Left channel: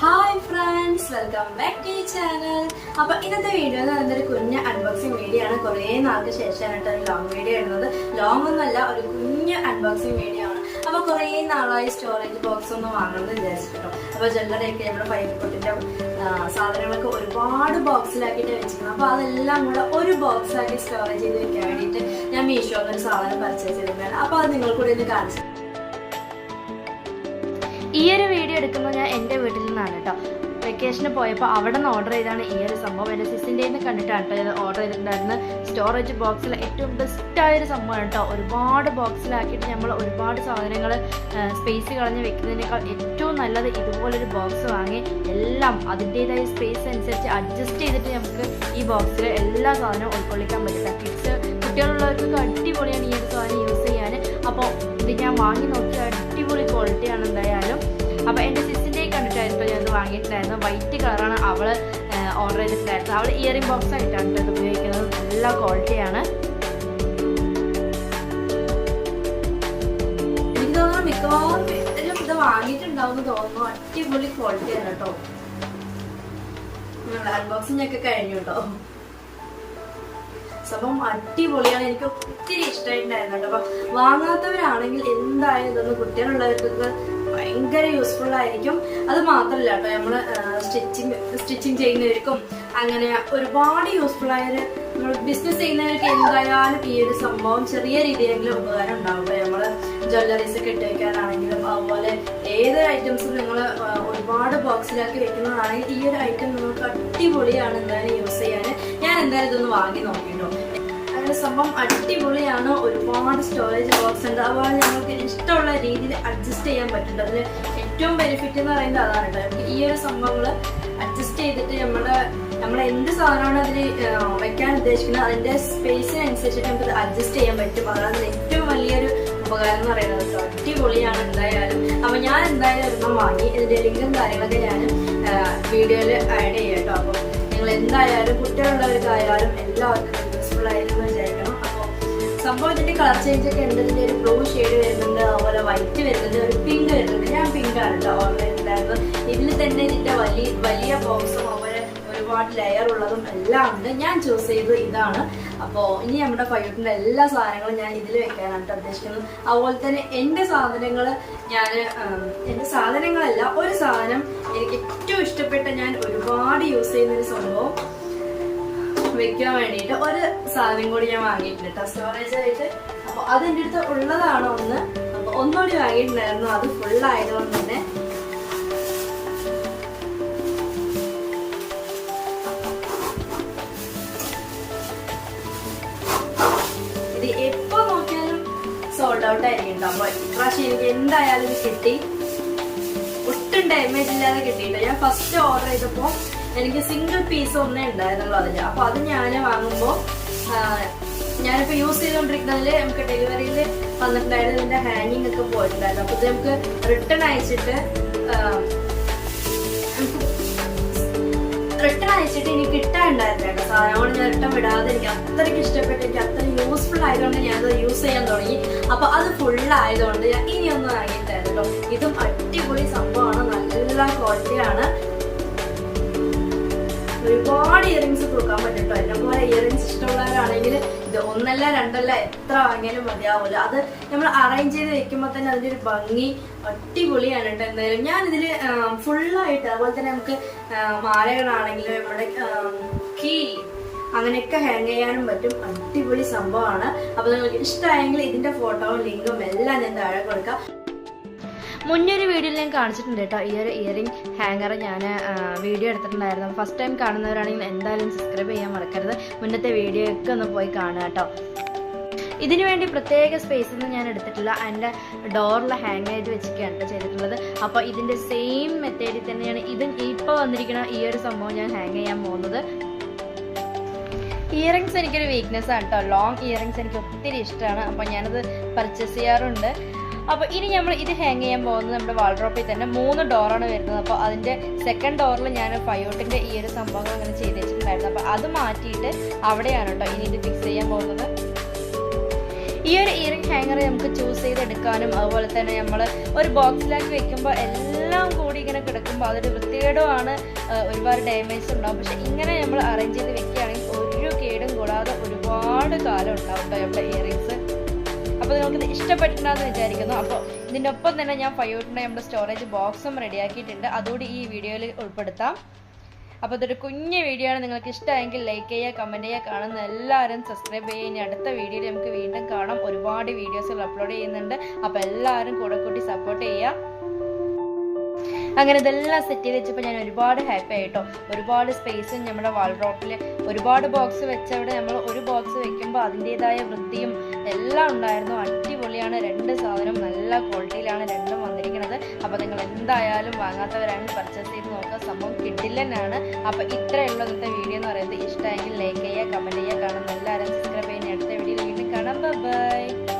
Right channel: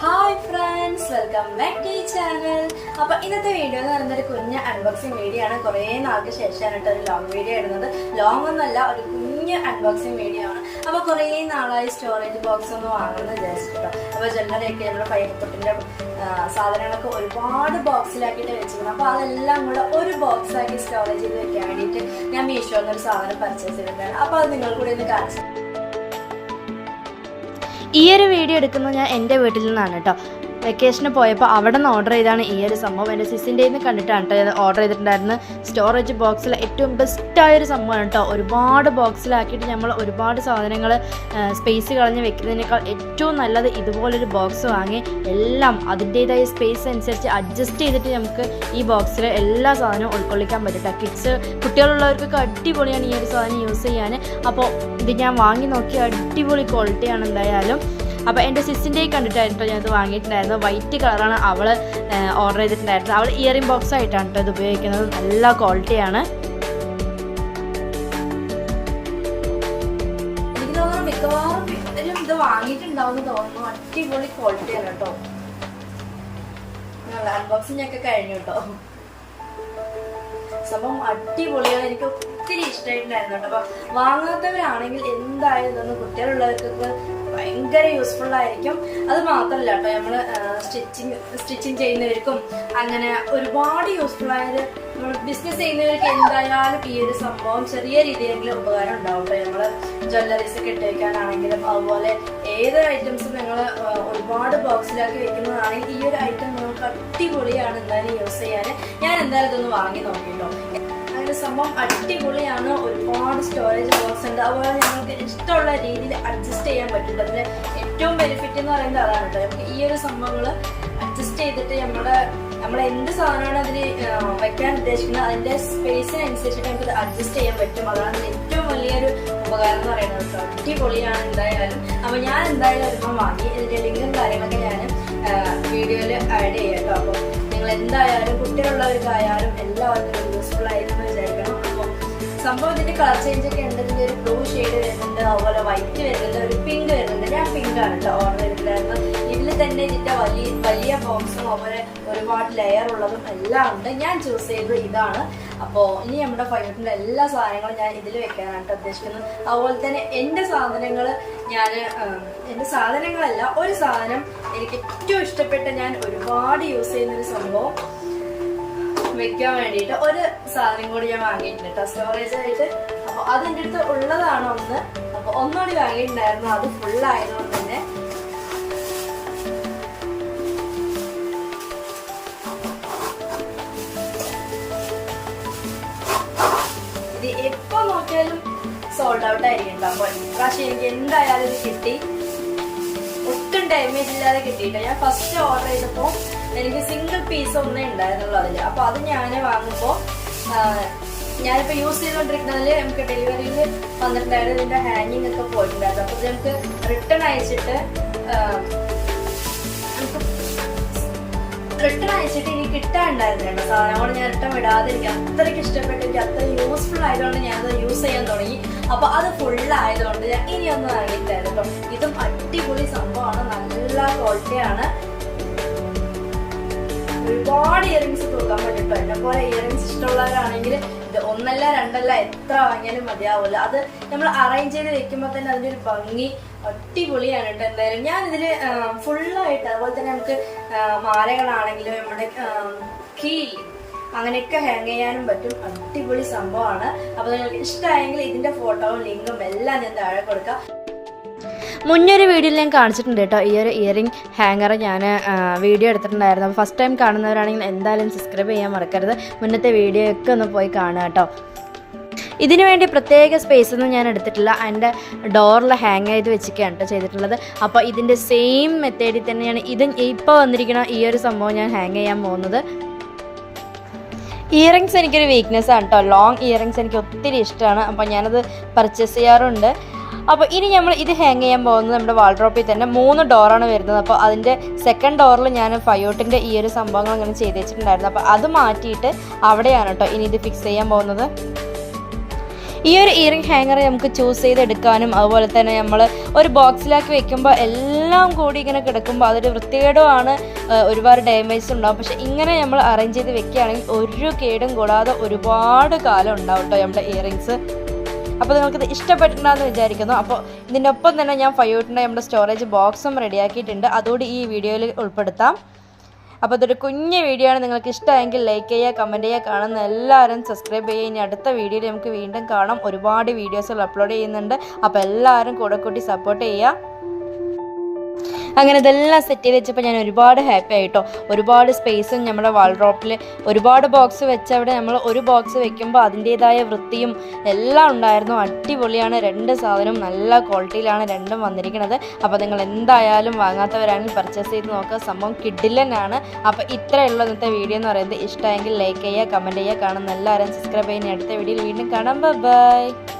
Hi friends welcome back to channel അപ്പൊ ഇന്നത്തെ video എന്ന് പറയുന്നത് ഒരു കുഞ്ഞ് അൺബോക്സിംഗ് വീഡിയോ ആണ്. കുറേ നാൾക്ക് ശേഷമാണ് ഒരു ലോങ് വീഡിയോ ഇടുന്നത്. ലോങ് ഒന്നല്ല ഒരു കുഞ്ഞ് അൺബോക്സിംഗ് വീഡിയോ ആണ്. അപ്പൊ കുറേ നാളായി സ്റ്റോറേജ് ബോക്സ് ഒന്ന് വാങ്ങണമെന്ന് വിചാരിച്ചിട്ടോ അപ്പൊ ജനറലൊക്കെ നമ്മുടെ പയ്യക്കുട്ടിന്റെ സാധനങ്ങളൊക്കെ ഒരുപാട് ബോക്സിലാക്കിയിട്ട് വെച്ചിരുന്നു അപ്പൊ അതെല്ലാം കൂടെ ഒരു ബോക്സിലാക്കി സ്റ്റോറേജ് ചെയ്ത് വെക്കാൻ വേണ്ടിയിട്ട് ഞാൻ മീഷോന്ന് ഒരു സാധനം പർച്ചേസ് ചെയ്തിട്ടാണ് അപ്പൊ അത് നിങ്ങൾ കൂടെ ഒന്ന് കാണിച്ചു ഈ ഒരു വീഡിയോ എടുക്കുന്നത് ഞാൻ എന്റെ വീട്ടിൽ നിന്നാണ് കേട്ടോ. വെക്കേഷന് പോയപ്പോൾ അവിടെ നിന്ന് ഓർഡർ ചെയ്താണ് ഈ ഒരു സംഭവം. എന്റെ സിസിന്റെ നിന്ന് കണ്ടിട്ടാണ് കേട്ടോ ഞാൻ ഓർഡർ ചെയ്തിട്ടുണ്ടായിരുന്നു സ്റ്റോറേജ് ബോക്സിൽ ഏറ്റവും ബെസ്റ്റായ ഒരു സംഭവമാണ് കേട്ടോ ഒരുപാട് ബോക്സിലാക്കിയിട്ട് നമ്മൾ ഒരുപാട് സാധനങ്ങൾ സ്പേസ് കളഞ്ഞ് വെക്കുന്നതിനേക്കാൾ ഏറ്റവും നല്ലത് ഇതുപോലൊരു ബോക്സ് വാങ്ങി എല്ലാം അതിന്റേതായ സ്പേസ് അനുസരിച്ച് അഡ്ജസ്റ്റ് ചെയ്തിട്ട് നമുക്ക് ഈ ബോക്സിൽ എല്ലാ സാധനവും ഉൾക്കൊള്ളിക്കാൻ പറ്റും. കിഡ്സ് കുട്ടികളുള്ളവർക്കൊക്കെ അടിപൊളിയാണ് ഈ ഒരു സാധനം യൂസ് ചെയ്യാൻ അപ്പോൾ ഇത് ഞാൻ വാങ്ങി നോക്കിയ അടിപൊളി ക്വാളിറ്റിയാണ് എന്തായാലും. അപ്പോൾ എന്റെ സിസ്റ്റിന്റെ കണ്ടിട്ടായിരുന്നു ഞാൻ ഇത് വാങ്ങിയിട്ടുണ്ടായിരുന്നു വൈറ്റ് കളറാണ് അവൾ ഓർഡർ ചെയ്തിട്ടുണ്ടായിരുന്നത്. അവൾ ഇയറിംഗ് ബോക്സ് ആയിട്ടാണ് കേട്ടോ ഇത് ഉപയോഗിക്കുന്നത്. നല്ല ക്വാളിറ്റിയാണ് എനിക്ക് തോന്നുന്നു മിക്കവാറും ഇത് വാങ്ങിയിട്ടുണ്ടാവും തോന്നുന്നു. അടിപൊളി ക്വാളിറ്റിയാണ് കേട്ടോ. അൺബോക്സിംഗ് ഒക്കെ കഴിഞ്ഞു കേട്ടോ. സംഭവം അടിപൊളിയാണ്. എനിക്ക് ഒത്തിരി ഇഷ്ടമായിട്ടുണ്ടായിരുന്നു കേട്ടോ. അപ്പൊ വാങ്ങാത്തവരാണെങ്കിൽ എന്തായാലും ഇതൊന്ന് കുട്ടികളുള്ളവർക്കൊക്കെ ഭയങ്കര യൂസ്ഫുൾ ആയിരിക്കും. അത് മാത്രമല്ല കേട്ടോ നമ്മൾ സ്റ്റിച്ചിങ് സ്റ്റിച്ചിങ് ചെയ്യുന്നവർക്കും അങ്ങനെ ഒരുപാട് യൂസ്ഫുൾ ആയൊരു ബിസിനസ് ചെയ്യുന്നവർക്ക് എന്തായാലും ഈ ഒരു സംഭവം ചെറിയ രീതിയിലെങ്കിലും ഉപകാരം ഉണ്ടാവും നമ്മൾ ജ്വല്ലറീസ് ഒക്കെ ഇട്ട് വെക്കാനാണെങ്കിലും അതുപോലെ ഏത് ഐറ്റംസും നിങ്ങൾ ഒരുപാട് ബോക്സിലാക്കി വെക്കുന്നതാണെങ്കിൽ ഈ ഒരു ഐറ്റം നമുക്ക് അടിപൊളിയാണ് എന്തായാലും യൂസ് ചെയ്യാൻ ഞാൻ എന്തായാലും ഇതൊന്ന് വാങ്ങി നോക്കിട്ടോ. അങ്ങനെ സംഭവം അടിപൊളിയാണ്. ഒരുപാട് സ്റ്റോറേജ് ബോക്സ് ഉണ്ട്. അതുപോലെ ഞങ്ങൾക്ക് ഇഷ്ടമുള്ള രീതിയിൽ അഡ്ജസ്റ്റ് ചെയ്യാൻ പറ്റും അതിൽ ഏറ്റവും ബെനിഫിറ്റ് എന്ന് പറയുന്നത് അതാണ് കേട്ടോ. ഈ ഒരു സംഭവങ്ങൾ അഡ്ജസ്റ്റ് ചെയ്തിട്ട് നമ്മുടെ നമ്മൾ എന്ത് സാധനമാണ് ഇതിൽ വെക്കാൻ ഉദ്ദേശിക്കുന്നത് അതിന്റെ സ്പേസിനനുസരിച്ചിട്ട് നമുക്ക് അഡ്ജസ്റ്റ് ചെയ്യാൻ പറ്റും. അതാണ് ഏറ്റവും വലിയൊരു ഉപകാരം എന്ന് പറയുന്നത് അടിപൊളിയാണ് എന്തായാലും. അപ്പൊ ഞാൻ എന്തായാലും ഒരെണ്ണം വാങ്ങി. ഇതിന്റെ ലിങ്കും കാര്യങ്ങളൊക്കെ ഞാൻ വീഡിയോയിൽ ആഡ് ചെയ്യാം കേട്ടോ. അപ്പോൾ നിങ്ങൾ എന്തായാലും കുട്ടികളുള്ളവർക്കായാലും എല്ലാവർക്കും സംഭവം ഇതിന്റെ കളർ ചേഞ്ച് ഒക്കെ ഉണ്ട്. ഇതിന്റെ ഒരു ബ്ലൂ ഷെയ്ഡ് വരുന്നുണ്ട്. അതുപോലെ വൈറ്റ് വരുന്നുണ്ട്. ഒരു പിങ്ക് വരുന്നുണ്ട്. ഞാൻ പിങ്ക് ആണ് കേട്ടോ ഓർഡർ ചെയ്തിട്ടുണ്ടായിരുന്നു ഇതിൽ തന്നെ ഇതിന്റെ വലിയ വലിയ ബോക്സും അതുപോലെ ഒരുപാട് ലെയർ ഉള്ളതും എല്ലാം ഉണ്ട്. ഞാൻ ചൂസ് ചെയ്തു ഇതാണ്. അപ്പോൾ ഇനി നമ്മുടെ പയ്യട്ടിന്റെ എല്ലാ സാധനങ്ങളും ഞാൻ ഇതിൽ വെക്കാനാണ് ഉദ്ദേശിക്കുന്നത്. അതുപോലെ തന്നെ എന്റെ സാധനങ്ങൾ ഞാൻ എന്റെ സാധനങ്ങളല്ല ഒരു സാധനം എനിക്ക് ഏറ്റവും ഇഷ്ടപ്പെട്ട ഞാൻ ഒരുപാട് യൂസ് ചെയ്യുന്ന ഒരു സംഭവം വെക്കാൻ വേണ്ടിയിട്ട് ഒരു സാധനം കൂടി ഞാൻ വാങ്ങിയിട്ടുണ്ട്. സ്റ്റോറേജ് ആയിട്ട്. അപ്പൊ അത് എന്റെ അടുത്ത് ഉള്ളതാണ് ഒന്ന്. അപ്പൊ ഒന്നുകൂടി വാങ്ങിയിട്ടുണ്ടായിരുന്നു. അത് ഫുൾ ആയതുകൊണ്ട് തന്നെ. ഇത് എപ്പോ നോക്കിയാലും സോൾഡ് ഔട്ട് ആയിരിക്കും അപ്പൊ ഇപ്രാവശ്യം എനിക്ക് എന്തായാലും കിട്ടി. ഒട്ടും ഡാമേജ് ഇല്ലാതെ കിട്ടിയില്ല. ഞാൻ ഫസ്റ്റ് ഓർഡർ ചെയ്തപ്പോ എനിക്ക് സിംഗിൾ പീസ് ഒന്നേ ഉണ്ടായിരുന്നുള്ളൂ അതിൽ അപ്പൊ അത് ഞാൻ വാങ്ങുമ്പോ ആ, ഞാനിപ്പോ യൂസ് ചെയ്തോണ്ടിരിക്കുന്നതിൽ നമുക്ക് ഡെലിവറിയിൽ വന്നിട്ടുണ്ടായിരുന്നു. ഇതിന്റെ ഹാങ്ങിങ് ഒക്കെ പോയിട്ടുണ്ടായിരുന്നു. അപ്പൊ ഇത് നമുക്ക് റിട്ടേൺ അയച്ചിട്ട് റിട്ടേൺ അയച്ചിട്ട് എനിക്ക് കിട്ടാനുണ്ടായിരുന്നു കേട്ടോ സാധനം. അതുകൊണ്ട് ഞാൻ റിട്ടേൺ വിടാതെ എനിക്ക് അത്രയ്ക്ക് ഇഷ്ടപ്പെട്ടു. എനിക്ക് അത്ര യൂസ്ഫുൾ ആയതുകൊണ്ട് ഞാനത് യൂസ് ചെയ്യാൻ തുടങ്ങി. അപ്പൊ അത് ഫുൾ ആയതുകൊണ്ട് ഞാൻ ഇനി ഒന്നും അറിയില്ലായിരുന്നു ഇതും അടിപൊളി സംഭവമാണ്. നല്ല ക്വാളിറ്റിയാണ് ഒരുപാട് ഇയറിങ്സ് തൂക്കാൻ പറ്റും എന്നെ പോലെ ഇയറിങ്സ് ഇഷ്ടമുള്ളവരാണെങ്കിൽ ഇത് ഒന്നല്ല രണ്ടല്ല എത്ര വാങ്ങിയാലും മതിയാവില്ല അത് നമ്മൾ അറേഞ്ച് ചെയ്ത് വെക്കുമ്പോൾ തന്നെ അതിന്റെ ഒരു ഭംഗി അടിപൊളിയാണ് കേട്ടോ എന്തായാലും. ഞാൻ ഇതിൽ ഫുള്ളായിട്ട് അതുപോലെ തന്നെ നമുക്ക് മാലകളാണെങ്കിലും നമ്മുടെ കീ അങ്ങനെയൊക്കെ ഹാങ് ചെയ്യാനും പറ്റും. അടിപൊളി സംഭവമാണ്. അപ്പൊ നിങ്ങൾക്ക് ഇഷ്ടമായെങ്കിൽ ഇതിന്റെ ഫോട്ടോവും ലിങ്കും എല്ലാം ഞാൻ താഴെ കൊടുക്കാം. മുന്നൊരു വീഡിയോയിൽ ഞാൻ കാണിച്ചിട്ടുണ്ട് കേട്ടോ. ഈ ഒരു ഇയറിംഗ് ഹാങ്ങർ ഞാൻ വീഡിയോ എടുത്തിട്ടുണ്ടായിരുന്നു. ഫസ്റ്റ് ടൈം കാണുന്നവരാണെങ്കിൽ എന്തായാലും സബ്സ്ക്രൈബ് ചെയ്യാൻ മറക്കരുത്. മുന്നത്തെ വീഡിയോ ഒക്കെ ഒന്ന് പോയി കാണുക കേട്ടോ. ഇതിനു വേണ്ടി പ്രത്യേക സ്പേസ് ഒന്നും ഞാൻ എടുത്തിട്ടില്ല. എന്റെ ഡോറിൽ ഹാങ് ചെയ്ത് വെച്ചിരിക്കുകയാണ് കേട്ടോ ചെയ്തിട്ടുള്ളത്. അപ്പോൾ ഇതിന്റെ സെയിം മെത്തേഡിൽ തന്നെയാണ് ഇത് ഇപ്പോൾ വന്നിരിക്കുന്ന ഈ ഒരു സംഭവം ഞാൻ ഹാങ് ചെയ്യാൻ പോകുന്നത്. ഇയറിങ്സ് എനിക്കൊരു വീക്ക്നെസ് ആണ് കേട്ടോ. ലോങ് ഇയറിങ്സ് എനിക്ക് ഒത്തിരി ഇഷ്ടമാണ്. അപ്പോൾ ഞാനത് പർച്ചേസ് ചെയ്യാറുണ്ട്. അപ്പോൾ ഇനി നമ്മൾ ഇത് ഹാങ് ചെയ്യാൻ പോകുന്നത് നമ്മുടെ വാൾഡ്രോപ്പിൽ തന്നെ മൂന്ന് ഡോറാണ് വരുന്നത്. അപ്പോൾ അതിന്റെ സെക്കൻഡ് ഡോറിൽ ഞാൻ ഫയോട്ടിന്റെ ഈ ഒരു സംഭവങ്ങൾ അങ്ങനെ ചെയ്ത് വെച്ചിട്ടുണ്ടായിരുന്നു. അപ്പോൾ അത് മാറ്റിയിട്ട് അവിടെയാണ് കേട്ടോ ഇനി ഇത് ഫിക്സ് ചെയ്യാൻ പോകുന്നത്. ഈ ഒരു ഇയറിംഗ് ഹാങ്ങർ നമുക്ക് ചൂസ് ചെയ്തെടുക്കാനും അതുപോലെ തന്നെ നമ്മൾ ഒരു ബോക്സിലാക്കി വെക്കുമ്പോൾ എല്ലാം കൂടി ഇങ്ങനെ കിടക്കുമ്പോൾ അതൊരു വൃത്തികേടുമാണ് ഒരുപാട് ഡാമേജ് ഉണ്ടാവും. പക്ഷെ ഇങ്ങനെ നമ്മൾ അറേഞ്ച് ചെയ്ത് വെക്കുകയാണെങ്കിൽ ഒരു കേടും കൂടാതെ ഒരുപാട് കാലം ഉണ്ടാവും കേട്ടോ നമ്മുടെ ഇയറിങ്സ് അപ്പോൾ നിങ്ങൾക്കിത് ഇഷ്ടപ്പെട്ടിട്ടുണ്ടെന്ന് വിചാരിക്കുന്നു. അപ്പോൾ ഇതിനൊപ്പം തന്നെ ഞാൻ ഫയോട്ടിന്റെ നമ്മുടെ സ്റ്റോറേജ് ബോക്സും റെഡിയാക്കിയിട്ടുണ്ട് അതുകൂടി ഈ വീഡിയോയിൽ ഉൾപ്പെടുത്താം. അപ്പോൾ ഇതൊരു കുഞ്ഞ് വീഡിയോ ആണ്. നിങ്ങൾക്ക് ഇഷ്ടമെങ്കിൽ ലൈക്ക് ചെയ്യുക കമന്റ് ചെയ്യുക കാണുന്ന എല്ലാവരും സബ്സ്ക്രൈബ് ചെയ്യുക. ഇനി അടുത്ത വീഡിയോയിൽ നമുക്ക് വീണ്ടും കാണാം. ഒരുപാട് വീഡിയോസുകൾ അപ്ലോഡ് ചെയ്യുന്നുണ്ട്. അപ്പോൾ എല്ലാവരും കൂടെ കൂട്ടി സപ്പോർട്ട് ചെയ്യുക. അങ്ങനെ ഇതെല്ലാം സെറ്റ് ചെയ്ത് വെച്ചപ്പോൾ ഞാൻ ഒരുപാട് ഹാപ്പി ആയിട്ടോ. ഒരുപാട് സ്പേസും നമ്മുടെ വാൾ ഡ്രോപ്പിൽ ഒരുപാട് ബോക്സ് വെച്ച് അവിടെ നമ്മൾ ഒരു ബോക്സ് വെക്കുമ്പോൾ അതിന്റേതായ വൃത്തിയും എല്ലാം ഉണ്ടായിരുന്നു. അടിപൊളിയാണ്. രണ്ട് സാധനവും നല്ല ക്വാളിറ്റിയിലാണ് രണ്ടും വന്നിരിക്കുന്നത് അപ്പോൾ നിങ്ങൾ എന്തായാലും വാങ്ങാത്തവരാണെങ്കിൽ പർച്ചേസ് ചെയ്ത് നോക്കുക. സംഭവം കിഡിലനാണ് അപ്പോൾ ഇത്രയേ ഉള്ളൂ ഇന്നത്തെ വീഡിയോ എന്ന് പറയുന്നത് ഇഷ്ടമെങ്കിൽ ലൈക്ക് ചെയ്യുക കമന്റ് ചെയ്യുക കാണുന്ന എല്ലാവരും സബ്സ്ക്രൈബ് ചെയ്യുന്ന അടുത്ത വീഡിയോയിൽ വീണ്ടും കാണാം. ബൈ